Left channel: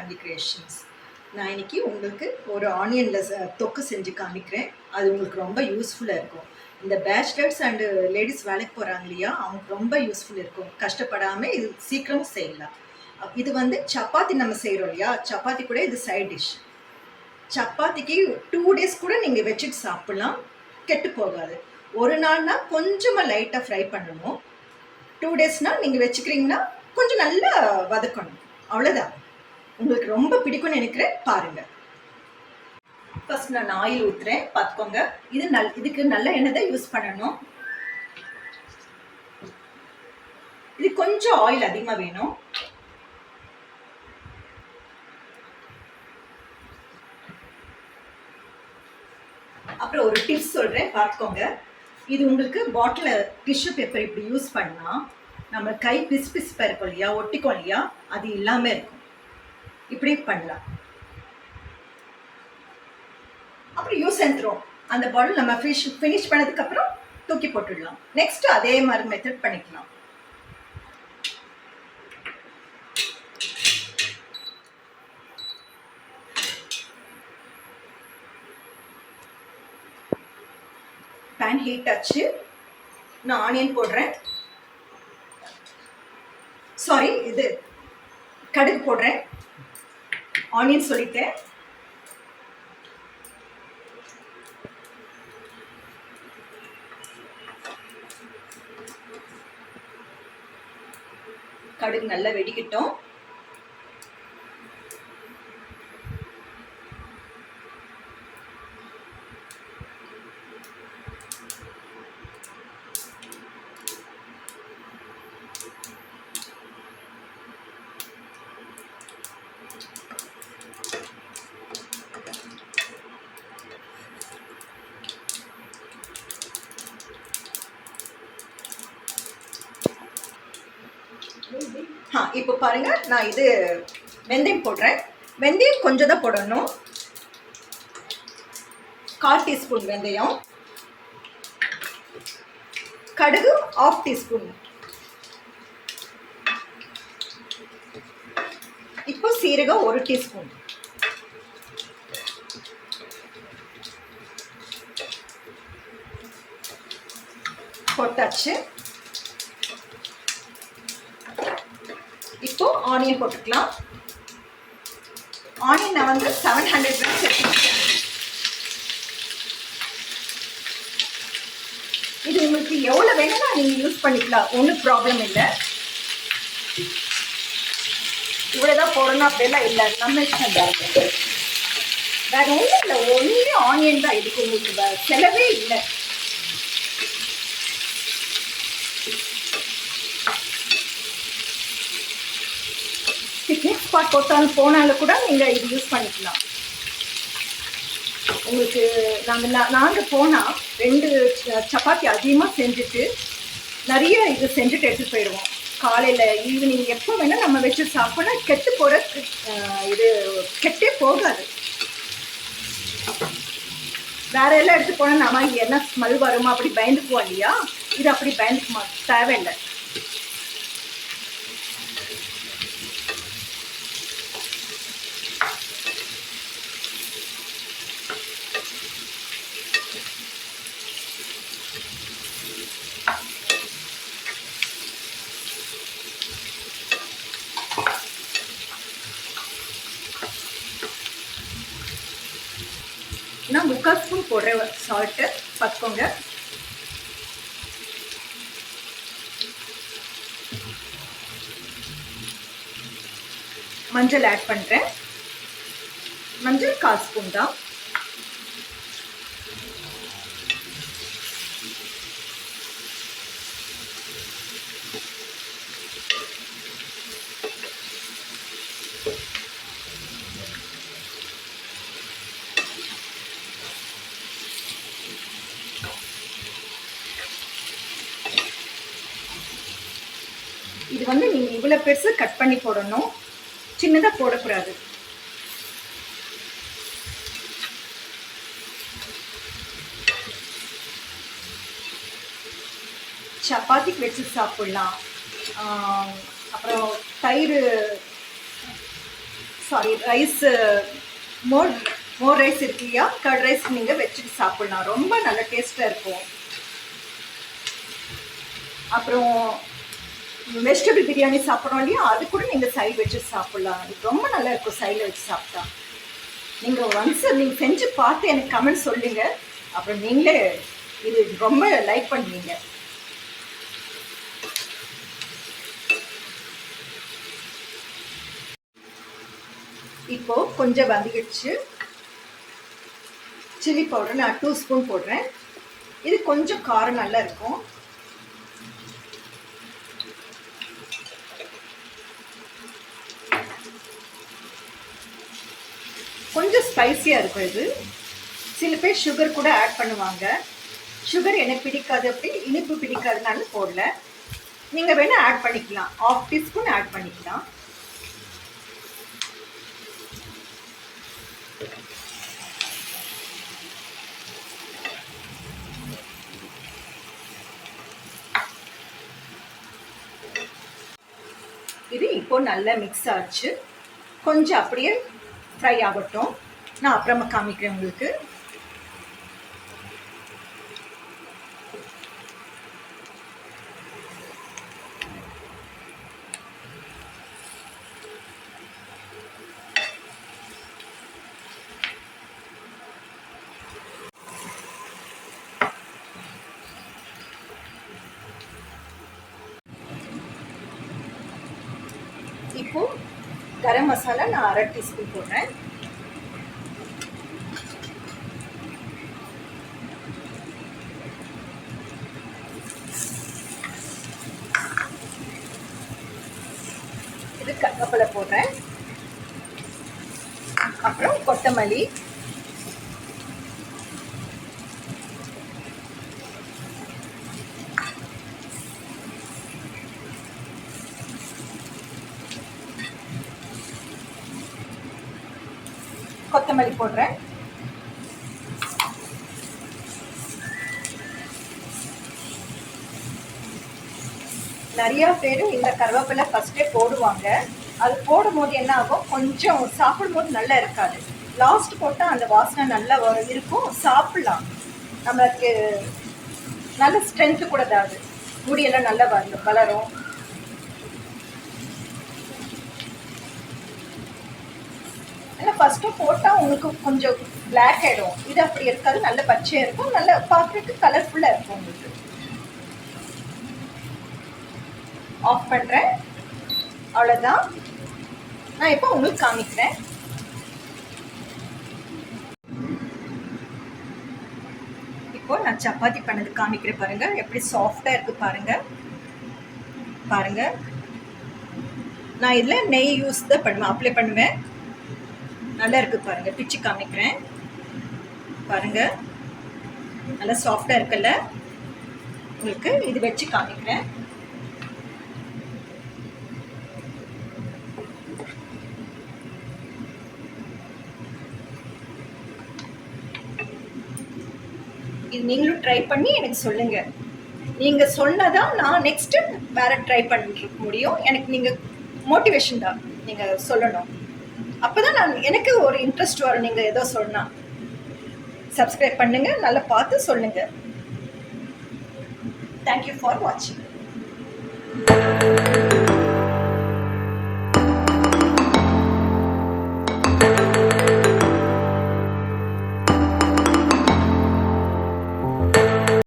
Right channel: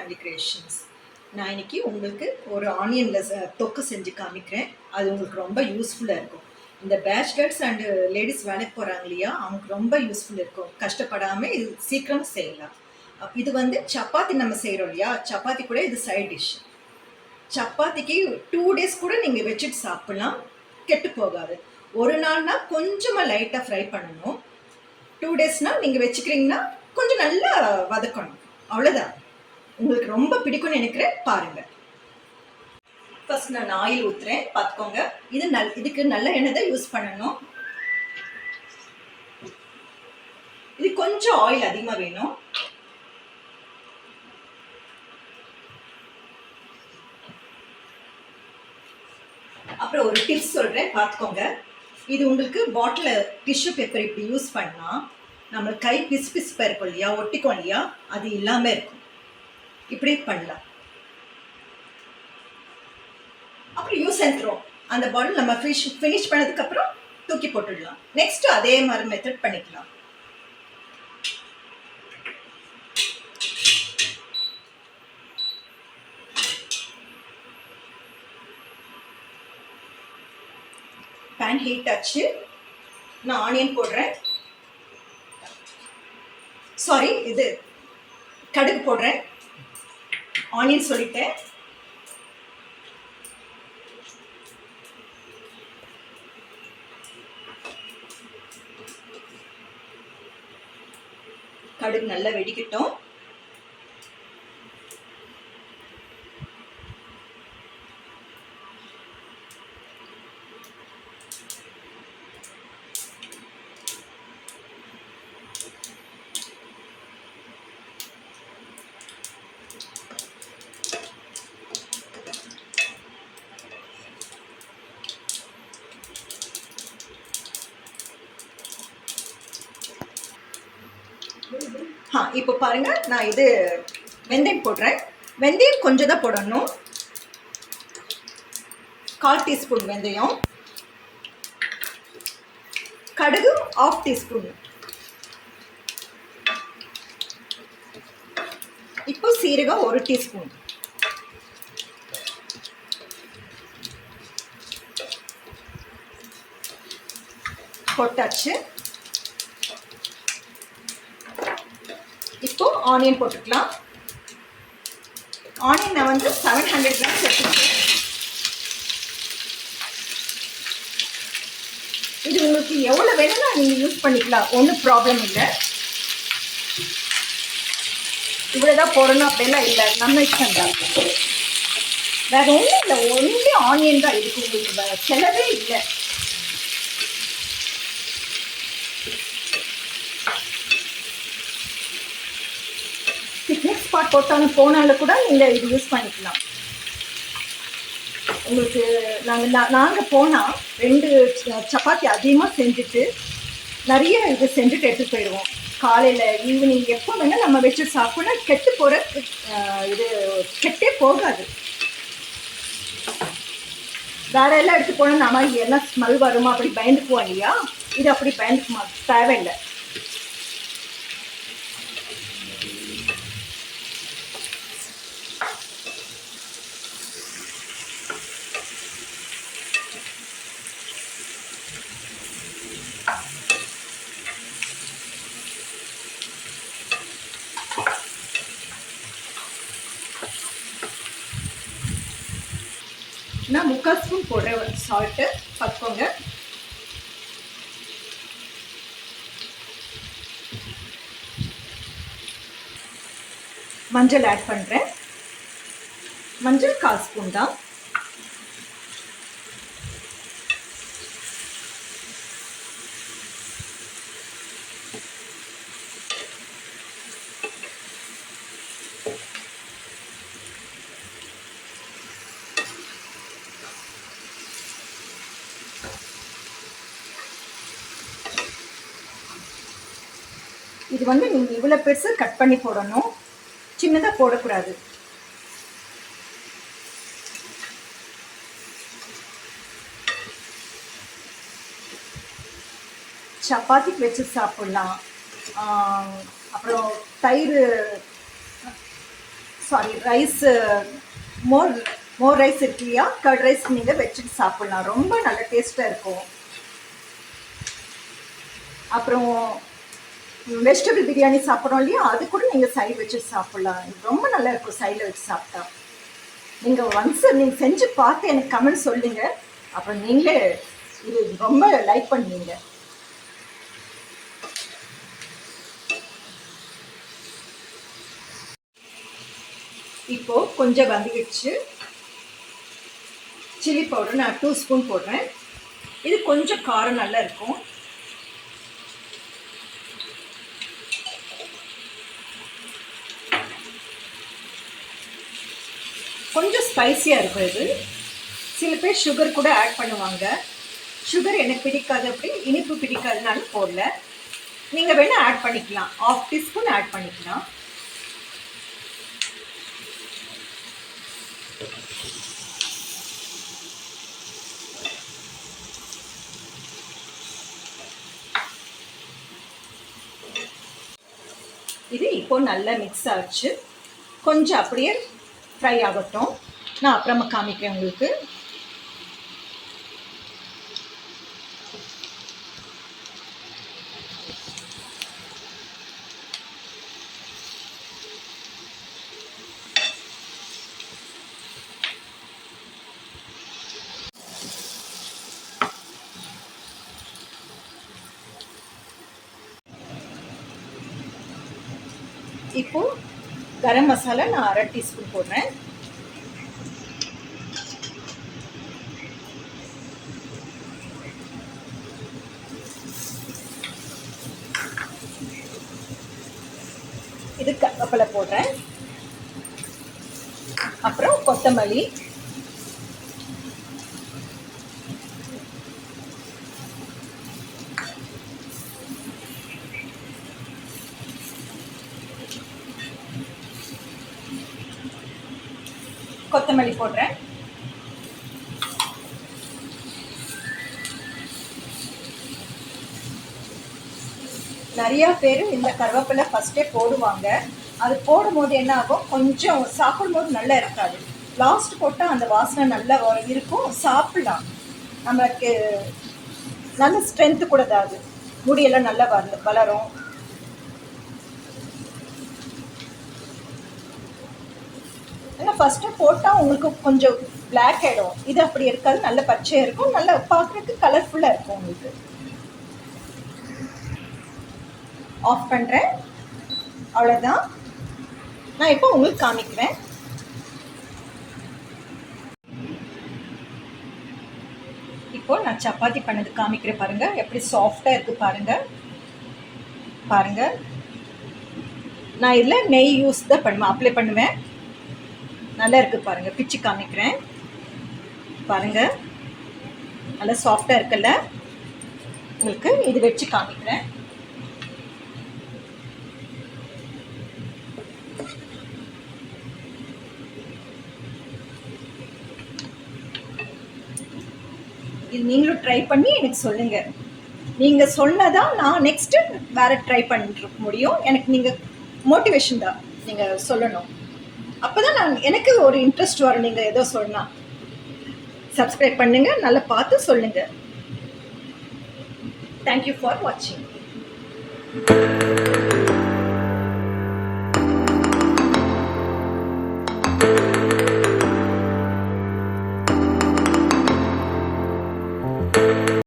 Family creations. நான் இன்னைக்கு உங்களுக்கு ஒரு ஆனியனில் தொக்கு செஞ்சு காமிக்கிறேன். அது உங்களுக்கு ரொம்ப யூஸ்ஃபுல்லாக இருக்கும். இந்த பேச்சுலர்ஸ் அண்டு லேடிஸ் வேலைக்கு போகிறாங்க இல்லையா, அவங்களுக்கு ரொம்ப யூஸ்ஃபுல் இருக்கும். கஷ்டப்படாமல் இது சீக்கிரம் செய்யலாம். இது வந்து சப்பாத்தி நம்ம செய்கிறோம் இல்லையா, சப்பாத்தி கூட இது சைட் டிஷ். சப்பாத்திக்கு 2 டேஸ் கூட நீங்கள் வச்சுட்டு சாப்பிட்லாம், கெட்டு போகாது. ஒரு நாள்னா கொஞ்சமாக லைட்டாக ஃப்ரை பண்ணணும். 2 டேஸ்னால் நீங்கள் வச்சுக்கிறீங்கன்னா கொஞ்சம் நல்லா வதக்கணும். அவ்வளோதான். உங்களுக்கு ரொம்ப பிடிக்கும்னு நினைக்கிறேன், பாருங்கள். ஃபர்ஸ்ட் நான் ஆயில் ஊற்றுறேன், பார்த்துக்கோங்க. இதுக்கு நல்ல எண்ணெய் தான் யூஸ் பண்ணணும். இது கொஞ்சம் ஆயில் அதிகமாக வேணும். அப்புறம் ஒரு டிப்ஸ் சொல்கிறேன், பார்த்துக்கோங்க. இது உங்களுக்கு பாட்டில் டிஷ்யூ பேப்பர் இப்படி யூஸ் பண்ணால் நம்ம கை பிசுப்பாக இருக்கும் இல்லையா, ஒட்டிக்கும் இல்லையா, அது இல்லாமல் இருக்கும். இப்படி பண்ணலாம். அப்புறம் யூஸ் அண்ட் த்ரோ, அந்த பாட்டில் நம்ம ஃபினிஷ் பண்ணதுக்கப்புறம் தூக்கி போட்டுடலாம். நெக்ஸ்ட் அதே மாதிரி மெத்தட் பண்ணிக்கலாம். பேன் ஹீட் ஆச்சு. நான் ஆனியன் போடுறேன். சாரி, இது கடுகு போடுறேன். ஆனியன் சொல்லிட்டேன். கடுகு நல்லா வெடிக்கட்டும். இப்போ பாருங்க, நான் இது வெந்தயம் போடுறேன். வெந்தயம் கொஞ்சம் தான் போடணும். 1/4 டீஸ்பூன் வெந்தயம். கடுகு 1/2 டீஸ்பூன். இப்போ சீரகம் 1 டீஸ்பூன். போட்டாச்சு. இப்போ ஆனியன் போட்டுக்கலாம். ஆனியன் நான் வந்து 700 கிராம்ஸ் எடுத்துக்கிறேன். இது உங்களுக்கு எவ்வளோ வேணும்னா நீங்கள் யூஸ் பண்ணிக்கலாம், ஒன்றும் ப்ராப்ளம் இல்லை. இவ்வளோதான் போடணும் அப்படியெல்லாம் இல்லை, நம்ம இஷ்டம் தான். வேறு ஒன்றும் இல்லை, ஒன்லி ஆனியன் தான். இதுக்கு உங்களுக்கு செலவே இல்லை. பிக்னிக் ஸ்பாட் போனாலும் கூட நீங்கள் இது யூஸ் பண்ணிக்கலாம். உங்களுக்கு நாங்கள் போனால் 2 சப்பாத்தி அதிகமாக செஞ்சுட்டு நிறைய இது செஞ்சுட்டு எடுத்துகிட்டு போயிடுவோம். காலையில் ஈவினிங் எப்போ வேணால் நம்ம வச்சு சாப்பிட்னா கெட்டு போகிற இது கெட்டே போகாது. வேற எல்லாம் எடுத்து போனால் நம்ம என்ன ஸ்மெல் வருமா அப்படி பயந்துக்குவோம் இல்லையா, இது அப்படி பயந்துக்குமா தேவையில்லை. நான் 3/4 ஸ்பூன் போடுறேன் சால்ட்டு, பார்த்துக்கோங்க. மஞ்சள் ஆட் பண்ணுறேன். மஞ்சள் 1/4 ஸ்பூன் தான். இது வந்து நீங்கள் இவ்வளோ பெருசு கட் பண்ணி போடணும், சின்னதாக போடக்கூடாது. சப்பாத்திக்கு வச்சு சாப்பிட்லாம். அப்புறம் தயிர் சாரி ரைஸ், மோர் மோர் ரைஸ் இருக்கு இல்லையா, கர்ட் ரைஸ் நீங்கள் வச்சுட்டு சாப்பிட்லாம். ரொம்ப நல்ல டேஸ்ட்டாக இருக்கும். அப்புறம் வெஜிடபிள் பிரியாணி சாப்பிட்றோம் இல்லையா, அது கூட நீங்கள் சைடு வச்சு சாப்பிட்லாம். ரொம்ப நல்லா இருக்கும் சைடில் வச்சு சாப்பிட்டா. நீங்கள் ஒன்ஸ் நீங்கள் செஞ்சு பார்த்து எனக்கு கமெண்ட் சொல்லுங்கள். அப்புறம் நீங்களே இது ரொம்ப லைக் பண்ணுவீங்க. இப்போது கொஞ்சம் வந்துடுச்சு. சில்லி பவுடர் நான் 2 ஸ்பூன் போடுறேன். இது கொஞ்சம் காரம் நல்லா இருக்கும். கொஞ்சம் ஸ்பைஸியாக இருக்கும் இது. சில பேர் சுகர் கூட ஆட் பண்ணுவாங்க. சுகர் எனக்கு பிடிக்காது, அப்படி இனிப்பு பிடிக்காதனால போடல. நீங்கள் வேணால் ஆட் பண்ணிக்கலாம், 1/2 டீஸ்பூன் ஆட் பண்ணிக்கலாம். இது இப்போ நல்லா மிக்ஸ் ஆச்சு. கொஞ்சம் அப்படியே ஃப்ரை ஆகட்டும், நான் அப்புறமா காமிக்கிறேன் உங்களுக்கு. இப்போ கரம் மசாலா நான் 1/2 டீஸ்பூன் போடுறேன். இது கருவேப்பிலை போடுறேன். அப்புறம் கொத்தமல்லி, கொத்தமல்லி போடுறேன். நிறையா பேர் இந்த கருவேப்பிலை ஃபஸ்ட்டே போடுவாங்க. அது போடும்போது என்ன ஆகும், கொஞ்சம் சாப்பிடும்போது நல்லா இருக்காது. லாஸ்ட் போட்டால் அந்த வாசனை நல்லா இருக்கும், சாப்பிடலாம். நம்மளுக்கு நல்ல ஸ்ட்ரென்த்து கூட தான், முடியெல்லாம் நல்லா வளரும். ஏன்னா ஃபஸ்ட்டு போட்டால் உங்களுக்கு கொஞ்சம் பிளாக் ஆகிடும். இது அப்படி இருக்காது, நல்ல பச்சையாக இருக்கும், நல்லா பார்க்குறதுக்கு கலர்ஃபுல்லாக இருக்கும். உங்களுக்கு ஆஃப் பண்ணுறேன். அவ்வளோதான். நான் இப்போ உங்களுக்கு காமிக்கிறேன். இப்போ நான் சப்பாத்தி பண்ணது காமிக்கிறேன் பாருங்கள், எப்படி சாஃப்டாக இருக்குது பாருங்கள். பாருங்கள், நான் இதில் நெய் யூஸ் தான் பண்ணுவேன், அப்ளை பண்ணுவேன். நல்லா இருக்குது பாருங்கள், பிச்சு காமிக்கிறேன் பாருங்கள். நல்லா சாஃப்டாக இருக்குல்ல. உங்களுக்கு இது வச்சு காமிக்கிறேன். இது நீங்களும் ட்ரை பண்ணி எனக்கு சொல்லுங்கள். நீங்கள் சொன்னதான் நான் நெக்ஸ்ட்டு வேறு ட்ரை பண்ணிட்டு முடியும். எனக்கு நீங்கள் மோட்டிவேஷன் தான் நீங்கள் சொல்லணும். அப்போ தான் எனக்கு ஒரு இன்ட்ரெஸ்ட் வரும். நீங்கள் ஏதோ சொன்னால் சப்ஸ்கிரைப் பண்ணுங்கள், நல்லா பார்த்து சொல்லுங்கள். தேங்க்யூ ஃபார் வாட்சிங்.